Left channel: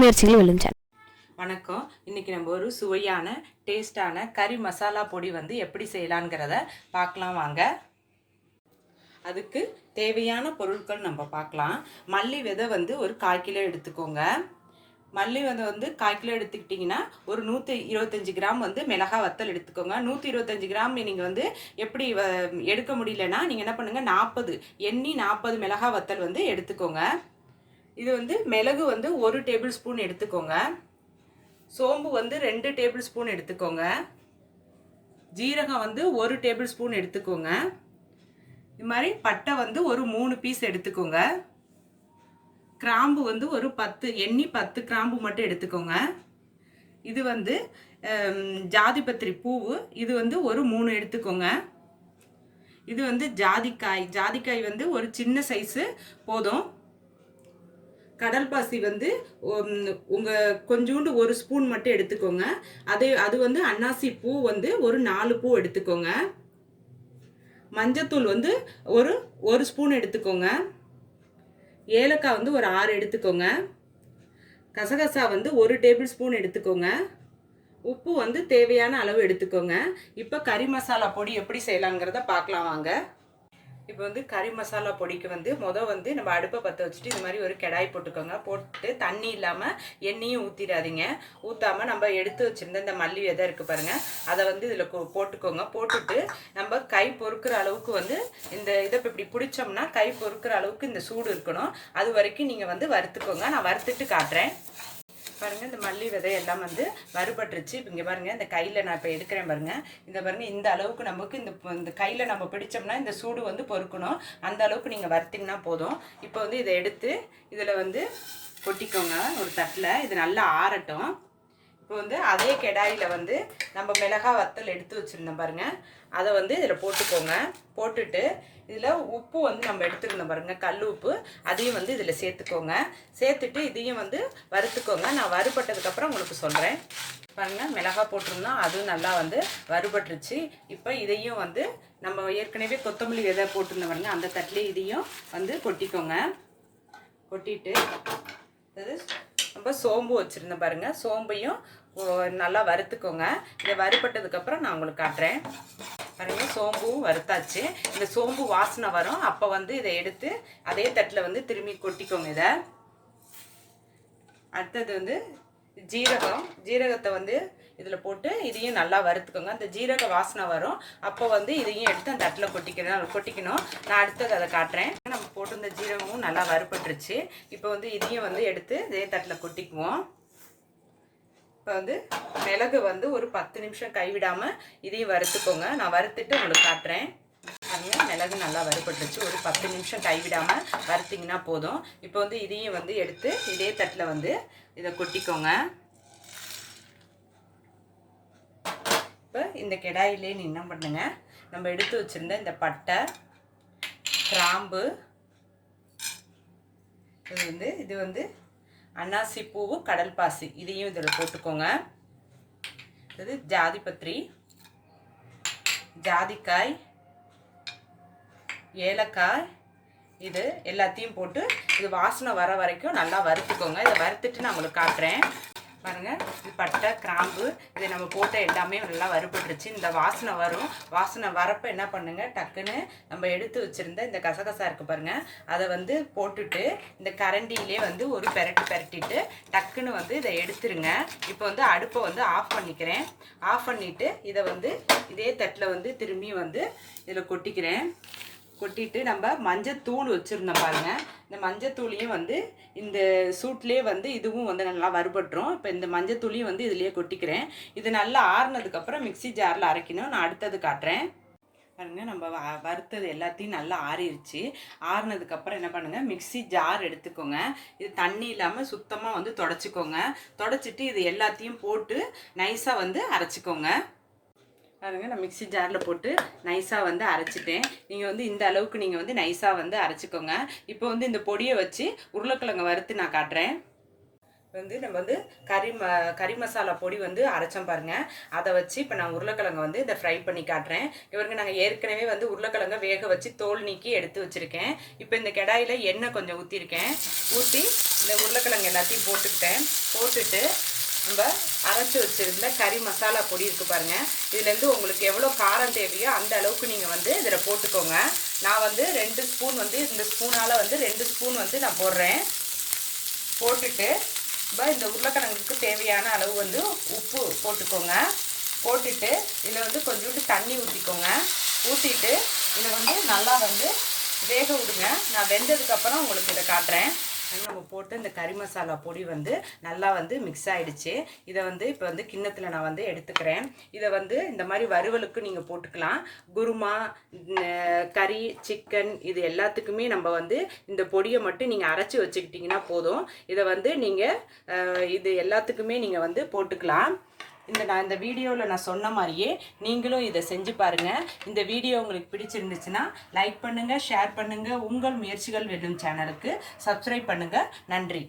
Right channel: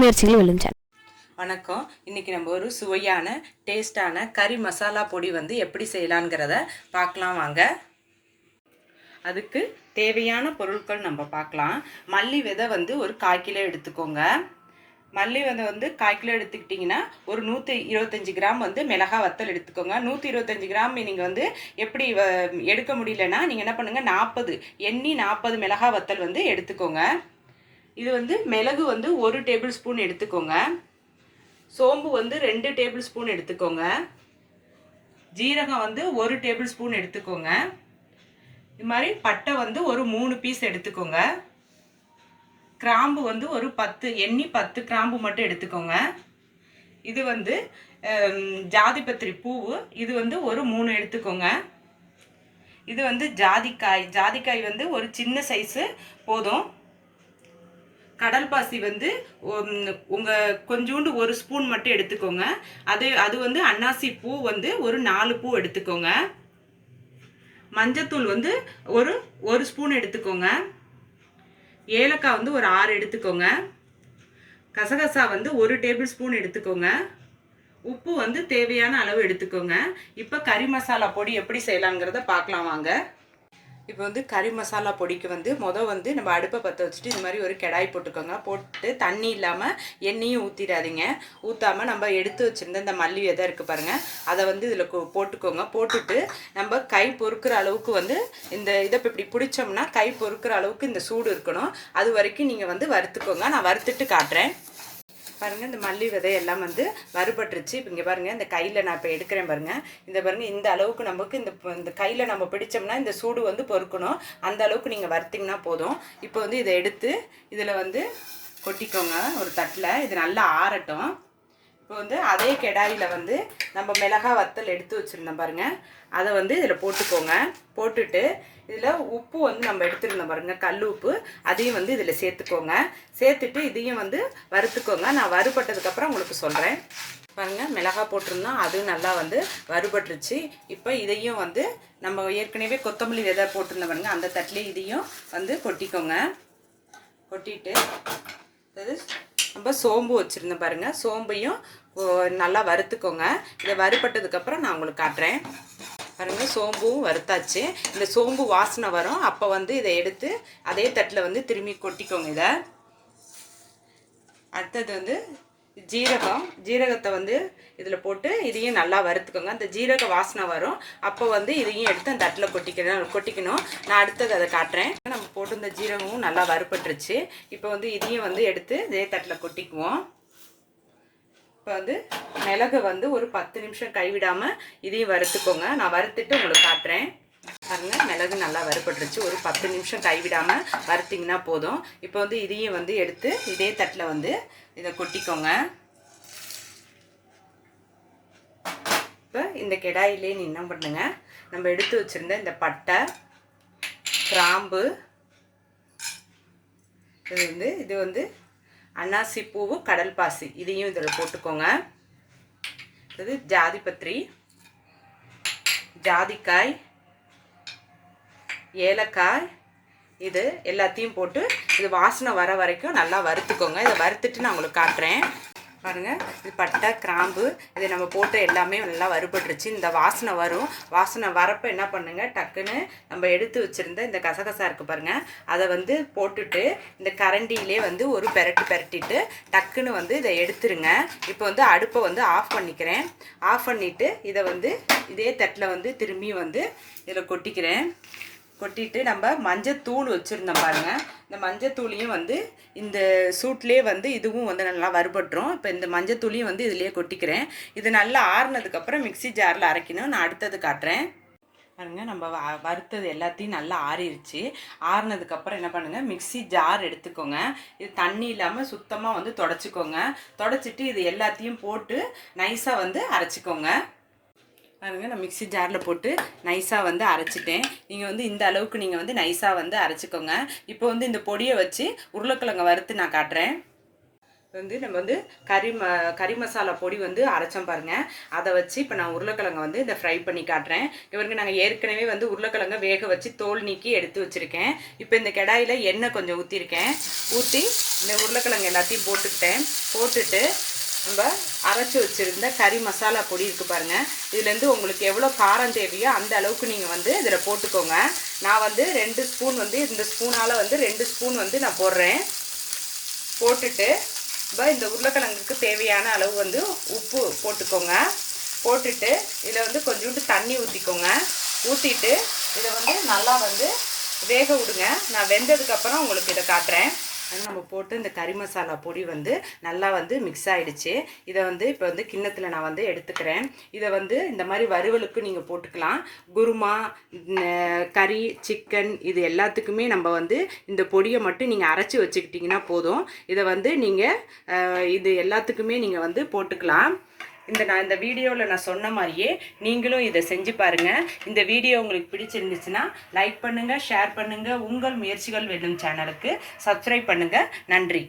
முயற்சிகள் விழுந்தன வணக்கம். இன்னைக்கு நம்ம ஒரு சுவையான டேஸ்டான கறி மசாலா பொடி வந்து எப்படி செய்யலாங்கிறத பார்க்கலாம் வாங்க. அதுக்கு தேவையான பொருட்கள் நம்ம பார்க்கலாம். மல்லி விதை வந்து ஒரு கால் கிலோ எடுத்துக்கோங்க. மல்லி விதை வந்து கால் கிலோ எடுத்துக்கிட்டிங்கன்னா ஒரு நூற்றி இருபத்தஞ்சி கிராம் வந்து மிளகா வத்தல் எடுத்துக்கோங்க. நூற்றி இருபத்தஞ்சி கிராம் நீங்கள் வந்து எப்படி வ- எடுக்க முடியலன்னா நீங்கள் என்ன பண்ணுங்கள் நாற்பது எண்ணி நாற்பது மிளகா வத்தல் வந்து எடுத்துக்கோங்க. இது வந்து மிளகு வந்து ஒரு டேபிள் ஸ்பூன் எடுத்துக்கோங்க. சோம்பு வந்து ரெண்டு டேபிள் ஸ்பூன் எடுத்துக்கோங்க. ஜீரகம் வந்து ஒரு டேபிள் ஸ்பூன் எடுத்துக்கோங்க. இது மாதிரி பட்டை வந்து ஒரு மூணு பீஸ் எடுத்துக்கோங்க. கிராம்பு வந்து ஒரு பத்து எண்ணி பத்து கிராம்பு மட்டும் எடுத்துக்கோங்க. இது வந்து ஜாதிபத்திரி பூவு இது வந்து ஒரு மூணு எடுத்துக்கோங்க. இது வந்து ஜாதிக்காய் ஜாதிக்காய் வந்து ஒரு சின்ன சைஸு போதும். கடல் பாசி வந்து உங்கள் கொஞ்சோண்டு ஒரு ஸ்பூன் மட்டும் எடுத்துக்கோங்க. அது அது வந்து அன்னாசி பூ வந்து ஒரு நாலு பூ எடுத்துக்கோங்க. மஞ்சத்தூள் வந்து ஒரு ஒரு ஸ்பூன் எடுத்துக்கோங்க. ஏலக்காய் வந்து ஒரு ஆறு எடுத்துக்கோங்க. கசகசா வந்து ஒரு டேபிள் ஸ்பூன் எடுத்துக்கோங்க. உப்பு வந்து தேவையான அளவு எடுத்துக்கோங்க. இப்போ கறி மசாலா பொடி எப்படி செய்யலாங்கிறத பார்க்கலாம் வாங்க. இப்போ வந்து கறி மசாலா பொடிக்கு வந்து மொதல் வந்து நம்ம அடுப்பை பற்ற வச்சுட்டு இந்த மாதிரி ஒரு கிடாய் போட்டுக்கோங்க. போட்டு தண்ணி இல்லாமல் எண்ணெயும் ஊற்றிடாதீங்க ஊற்றாமல் நம்ம எடுத்து வச்சுருந்த இந்த மல்லி விதை இருக்குது பாருங்கள் அதை வந்து இதில் போட்டுக்கோங்க. போட்டுட்டு நம்ம கை பொறுக்கிற அளவுக்கு வந்து இந்த இதை இப்படி பிடிச்சோம்னா கை பொறுக்கிற அளவுக்கு இந்த சூடு இருக்கணும். அது வரைக்கும் நீங்கள் வந்து வறுத்துக்கோங்க. நான் வறுத்துட்டு காட்டுறேன். பாருங்க இந்த மல்லி விதை எல்லாம் வந்து மறுபட்டுருச்சு. இப்போ இங்கே பாருங்க இந்த கையில் நான் இப்போ எடுக்கிறேன் பாருங்க. இந்த பாருங்க இந்த அளவுக்கு நமக்கு இந்த இந்த கையில் நம்ம பிடிச்சோம்னா இந்த சூடு வந்து பொறுக்கணும். அந்த அளவுக்கு நீங்கள் வறுத்தீங்கன்னா போதும். இப்போ வந்து இதை எடுத்து இதில் வந்து கொட்டிக்கோங்க ஒரு தட்டில். இது நல்லா ஆறட்டும். இப்போ வந்து அதே கெடாயில் வந்து நம்ம மிளகா வத்தல் எடுத்து வச்சுருந்தோம் பாருங்க. அதை வந்து இதில் போட்டுக்கோங்க. போட்டுட்டு இதில் உப்பு வந்து நம்ம எடுத்துருந்தோம் பாருங்க. கல் உப்பு அதையும் வந்து இதில் சேர்த்துக்கோங்க. சேர்த்துட்டு இதையும் வந்து வறுத்துக்கோங்க. நான் வறுபட்டதுக்கப்புறம் உங்களுக்கு சொல்கிறேன் பாருங்க மிளகா போட்டிருந்தோம். அதுவும் நல்லா வந்து வறுபட்டுருச்சு. இப்போ இதையும் வந்து நம்ம ஏற்கனவே கொத்தமல்லி விதை போட்டிருந்தோம் பாருங்கள் அந்த தட்டிலே இதையும் வந்து கொட்டிக்கோங்க. கொட்டிட்டு அதாவது நம்ம சோம்பு வச்சுருந்தேன் பாருங்க. சோம்பையும் நல்லா வறுத்துக்கோங்க. இதை வறுபட்டதுக்கப்புறம் நான் உங்களுக்கு காட்டுறேன். பாருங்கள் சோம்பும் வறுத்தாச்சு. இந்த சோம்பு வாசனை வரும். அப்போ வந்து இதை எடுத்து அதே தட்டில் வந்து திரும்பி கொட்டிக்கோங்க இதை. அடுத்தது வந்து ஜீரகம். ஜீரகத்தை வந்து இதில் போட்டு இதையும் நல்லா வறுத்துக்கோங்க. அந்த ஜீரக வாசனை வரும். அப்போ வந்து இதையும் எடுத்து அந்த தட்டில் கொட்டிக்கணும். கொட்டிக்கணும். நான் அடுத்தது அதை காட்டுறேன். நம்ம போட்டிருந்த ஜீரகமும் நல்லா வறுபட்டுருச்சு. இப்போ வந்து இதையும் வந்து எடுத்து இதே தட்டில் கொட்டிக்குவோம். இப்போ வந்து மிளகு வந்து ஒரு பத்து நிமிஷம் கைவிடாமல் இதையும் வறுத்துக்கோங்க. நான் வறுத்துட்டு உங்களுக்கு காட்டுறேன். பாருங்க மிளகு நல்லா வறுபட்டுருச்சு. ஒரு பத்து நிமிஷம் கைவிடாமல் வறுத்திங்கன்னா போதும். இப்போ வந்து இதையும் வந்து எடுத்து இதே தட்டில் வந்து இதை கொட்டிக்கோங்க. இப்போ இந்த கெடாயிலே நீ என்ன பண்ணுங்க? நம்ம எடுத்து வச்சிருந்த இந்த பட்டை கிராம்பு இது வந்து இது வந்து அன்னாசி பூவு கடல் பாசி. இதையும் இதில் போட்டுக்கோங்க. இது ஜாதிபத்திரி ஜாதிக்காய் ஏலக்காய் இது எல்லாத்தையும் போட்டு இது வாசனை வர வரைக்கும் நல்லா வறுத்துக்கோங்க. இதை வறுத்துட்டு நான் உங்களுக்கு காட்டுறேன். பாருங்கள் இது பட்டை கிராம்பு இதை நம்ம போட்ட எல்லாமே நல்லா வறுபட்டுருச்சு. இந்த வாசனை வரும். வாசனை வரப்போ என்ன பண்ணுங்க டக்குன்னு நம்ம எடுத்து வச்சுருந்த இந்த கசகசா இருக்குது பாருங்கள் அதை வந்து போட்டுட்டு இந்த கரண்டியிலே வந்து ஒரு பெரட்டி பெரட்டிட்டு டக்குன்னு வந்து இதை எடுத்துருங்க. இப்போ வந்து அடுப்பை வந்து ஆஃப் பண்ணிக்கிறேன். ஆஃப் பண்ணிவிட்டு இதை வந்து இதே தட்டில் வந்து திரும்பி வந்து இதில் கொட்டிக்கிறேன். கொட்டிட்டு நம்ம மஞ்சத்தூள் வச்சுருந்தோம் பாருங்க. இந்த மஞ்சத்தூளையும் வந்து இந்த சூட்லேயே வந்து இதுவும் வந்து நல்லா வறுபட்டுரும். இப்போ இந்த மஞ்சத்தூளையும் வந்து இதுலேயே கொட்டிக்கிறேன். இது நல்லா ஆறுனதுக்கப்புறம் மிக்ஸி ஜாரில் அரைக்கணும். நான் அடுத்தது காட்டுறேன். பாருங்க நம்ம வ- வறுத்தது எல்லாத்தையும் நல்லா ஆறிடுச்சு ஆறுனதுக்கப்புறம் என்ன பண்ணுங்க? மிக்ஸி ஜார் எடுத்துக்கோங்க. இது தண்ணி இல்லாமல் சுத்தமாக வந்து தொடச்சிக்கோங்க. தொடச்சிட்டு இது எல்லாத்தையும் போட்டு நைஸாக வந்து அரைச்சிக்கோங்க. பாருங்க நான் மிக்ஸி ஜாரில் போட்டு நைஸாக வந்து அரைச்சிட்டேன். நீங்கள் வந்து இந்த அளவுக்கு நீங்கள் வந்து நைஸாக வந்து அரைச்சிக்கோங்க. இப்போ வந்து இந்த பொடியை வச்சு உருளைக்கிழங்க வறுத்து நான் காட்டுறேன். வந்து நம்ம வந்து கறி ம கறி மசாலா பொடி வந்து அரைச்சோம் பாருங்க. அதை வச்சு இப்போ நான் உருளைக்கிழங்கு வந்து இதை ஃப்ரை பண்ணி காட்டுறேன். இவருக்கு நாங்கள் ஏற்கனவே வந்து உருளைக்கிழங்க வேக வச்சு தோல் நீக்கி எடுத்து வச்சுருக்கேன். இப்போ இந்த கடாயில் எண்ணெய் கொஞ்சம் ஊற்றிருக்கேன் ஊற்றி இந்த உருளைக்கிழங்கு எல்லாத்தையும் போட்டுக்கிட்டேன். போட்டுட்டு நம்ம அரைச்சி வச்சுருந்த கறி மசாலா பொடி இருக்குது பாருங்கள் இதுலேருந்து உங்களுக்கு எவ்வளோ காரம் தேவையோ அந்த அளவுக்கு நீங்கள் வந்து இதில் போட்டுக்கோங்க. நான் வந்து ரெண்டு ஸ்பூன் வந்து இந்த ஸ்பூனால் வந்து ரெண்டு ஸ்பூன் வந்து நான் போடுறேன். போட்டுட்டு இப்போ இந்த உருளைக்கிழங்குக்கு தேவையான அளவு வந்து உப்பு போட்டுக்கோங்க. போட்டுட்டு இதில் வந்து கொஞ்சோண்டு தண்ணி ஊற்றிக்கோங்க ஊற்றிட்டு இதை வந்து நல்லா வந்து வேக விடுங்க. நான் வெந்ததுக்கப்புறம் உங்களுக்கு இதை காட்டுறேன். நம்ம போட்டு இந்த கறி மசாலா பொடி வந்து நல்லா வந்து மிக்ஸ் ஆகிடுச்சு இதை வந்து இப்போ வந்து கிண்ணத்தில் நான் வந்து எடுத்துக்கிறேன். இதை வந்து இந்த மாதிரி வறுவலுக்கு நீங்கள் போட்டுக்கலாம். குருமா கறி சிக்கன் இது எல்லாத்துக்குமே நம்ம வந்து இந்த பொடியை மட்டும் நீங்கள் அரைச்சி வச்சுக்கிட்டிங்கன்னா போதும். இதை வந்து நீங்கள் இது எல்லாத்துக்குமே நீங்கள் வந்து போட்டுக்கலாம். இந்த நான் இந்த வீடியோவில் நான் சொன்ன மாதிரியே நீங்களும் இதை செஞ்சு பாருங்கள் இந்த வீடியோ உங்களுக்கு பிடிச்சிருந்துச்சுன்னா லைக் பண்ணுங்கள் ஷேர் பண்ணுங்கள் உங்கள் முயற்சிகள் வெல்லும் சேனலுக்கு சப்ஸ்கிரைப் பண்ணுங்கள் நன்றி.